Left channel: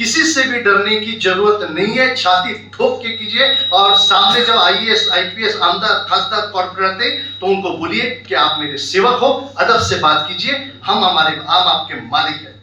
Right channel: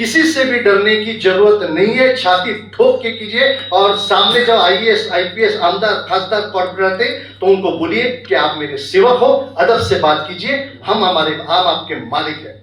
किसी से भी डरने की जरूरत नहीं है, छाती ठोक के कीजिए। और सामने जब आईएएस आईपीएस आमदार खासदार कॉर्पोरेट आते तो उनको बोलिए कि आप मेरे सेवक हो, अदब से बात कीजिए, हम आपके मालिक हैं।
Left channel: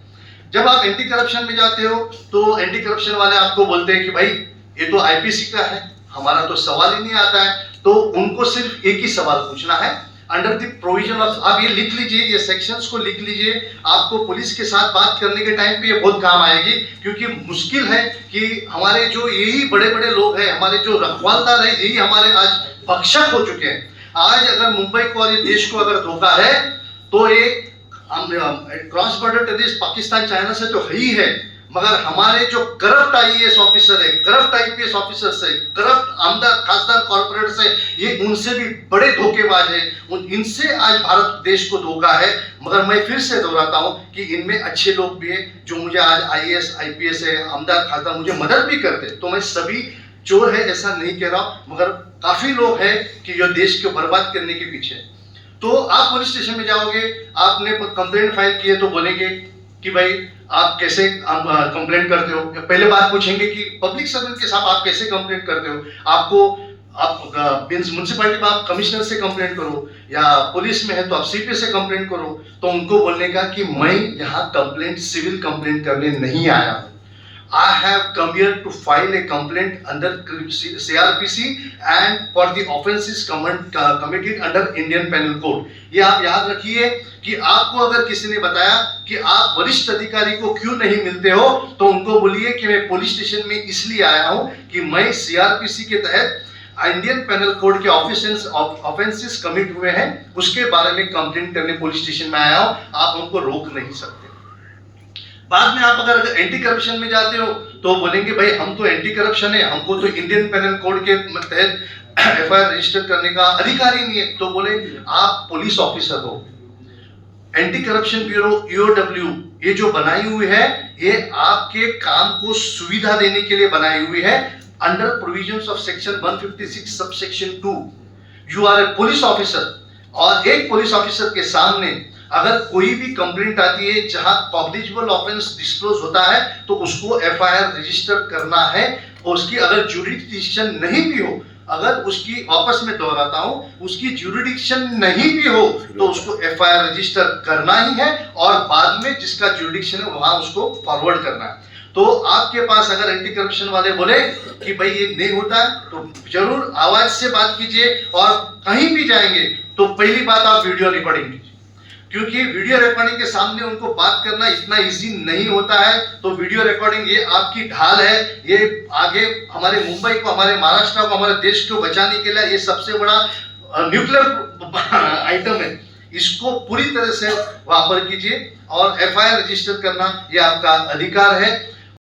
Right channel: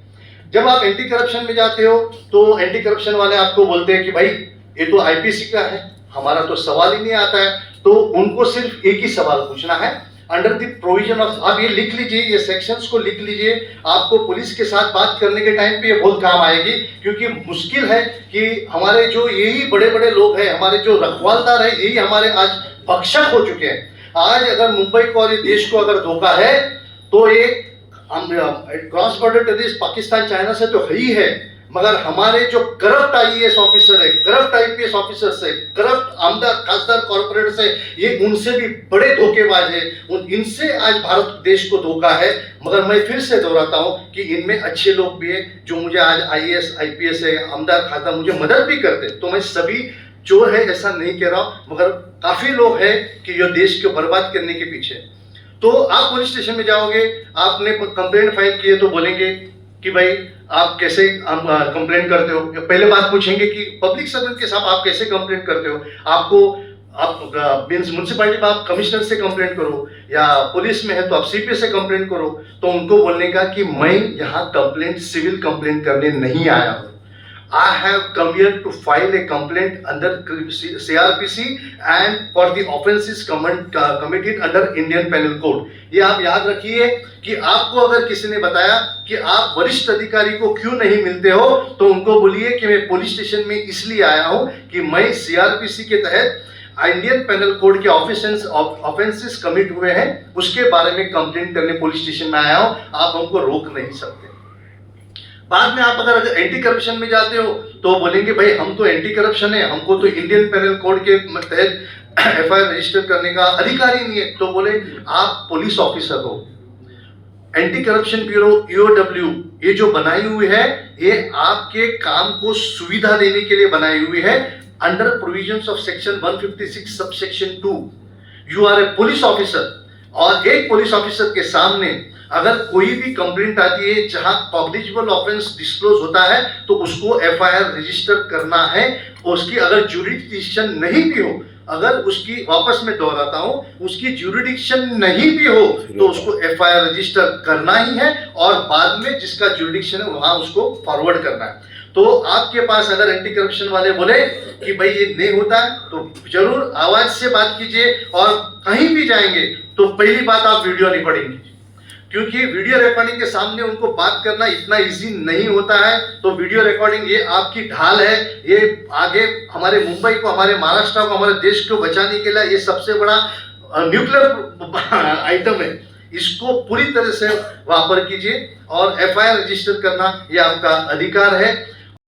जब आप एंटी करप्शन में जाते हो तो एंटी करप्शन वाले आपको बोलते हैं कि भाई ये तो आईपीसी का है, हमारा तो सवाल ही नहीं आता है। तो उनको सिर्फ एक ही सवाल पूछना है, अंडर द प्रोविजन ऑफ, आप ये लिख लीजिए, ये सेक्शंस को लिख लीजिए, आपको पुलिस के साथ बात करने के टाइम पे ये बहुत काम आएगी। क्योंकि मुश्किल है कि हमारे जो यही बड़े बड़े लोग हैं, हमारे जो रखवालदार है, यही हमारे आज भक्षक हो चुके हैं। आज अगर मुंबई को और ये देश को अगर धोखा है तो ये cross border terrorist Pakistan China से तो है ही है, मगर हमारे जो करप्ट आईएएस ऑफिसर है, करप्ट आईपीएस ऑफिसर से, करप्ट आमदार खासदार कॉर्पोरेट से, ये उनसे भी बड़े धोखेबाज है। इनसे आज भारत देश को धोखा है। मगर मैं फिर से दोहराता हूं कि इनमें अच्छे लोग भी हैं जो मुझे आज आईएएस आईपीएस है, आमदार खासदार मुझे मदद भी करते। तो मैं सभी चोर है ऐसा नहीं कह रहा हूं, मगर काफी लोग हैं कि जो देश को बर्बाद करने के पीछे। तो आप पुलिस स्टेशन में जाओगे, आपने कंप्लेंट फाइल की है तो बोलेंगे कि भाई आप कैसे कंप्लेंट करते हो। पहले बात पूछेंगे कि पब्लिक सर्वेंट के साथ आप कैसे कंप्लेंट करते हो। आप म्यूनसिपैलिटी में आप कमिश्नर से कंप्लेंट करो, या पुलिस में है तो आप सीपी से कंप्लेंट करो। तो उनको बोलने का कि मैं यहाँ कंप्लेंट सिविल कंप्लेंट करने नहीं आया हूँ, I have come here to file a complaint under CRPC and for the offenses committed under Indian Penal Code। ये आप याद रखिए कि आपको अगर किसी ने बताया कि आप वरिष्ठ अधिकारी को क्यों नहीं मिलते हो, तो उनको बोलिए कि मैं पुलिस स्टेशन में इसलिए आया हूं कि मैं सीआरपीसी के तहत इंडियन पेनल कोड के ऑफेंसेस कमिट हुए हैं, उसके बारे में कंप्लेंट करने पुलिस स्टेशन में आया हूं। आप हमको रोक नहीं सकते। बाद में आप अगर एंटी करप्शन में जाते हो तो बोलेंगे भाई हम तो एंटी करप्शन है, हमको तो इंडियन पेनल कोड के तहत एफआईआर रजिस्टर करने का अधिकार ही नहीं है। तो बोले आप पुलिस ऑफिसर हो। एंटी करप्शन ब्यूरो ईओडब्ल्यू ये जो बनाई हुई है, ये आपके काम को सुविधा देने के लिए बनाई हुई है। अंडर प्रोविजंस ऑफ सेक्शन 156 सब section 2 you are a police officer. और एक पुलिस ऑफिसर के सामने अगर कोई भी कंप्लेंट आती है जहां कॉग्निजेबल ऑफेंस डिस्क्लोज होता है तो उसको एफआईआर रजिस्टर करना है। उसकी अगर ज्यूरिडिक्शन नहीं भी हो, अगर उसकी, वापस में दोहराता हूं, उसकी ज्यूरिडिक्शन नहीं भी हो तो उसको एफआईआर रजिस्टर करना ही है, और बाद में जिसका ज्यूरिडिक्शन है वहां उसको फॉरवर्ड करना है। तो आपके पास अगर एंटी करप्शन वाले बोले कि भाई ये नहीं होता है तो जरूर आवाज से बात कीजिए। और कहीं भी जाएंगे तो पहली बात आप वीडियो रिकॉर्डिंग कीजिए, क्योंकि वीडियो रिकॉर्डिंग के सामने उनको बात करना इतना इजी नहीं होता है। तो वीडियो रिकॉर्डिंग ये आपकी ढाल है, ये आगे हमारे मुंबई को, हमारे महाराष्ट्र को, हमारे देश को बचाने के लिए ये सबसे बड़ा न्यूक्लियर आइटम है। इसको पूरी तरह से वापर कीजिए और एफआईआर रजिस्टर करना ये आपका अधिकार है।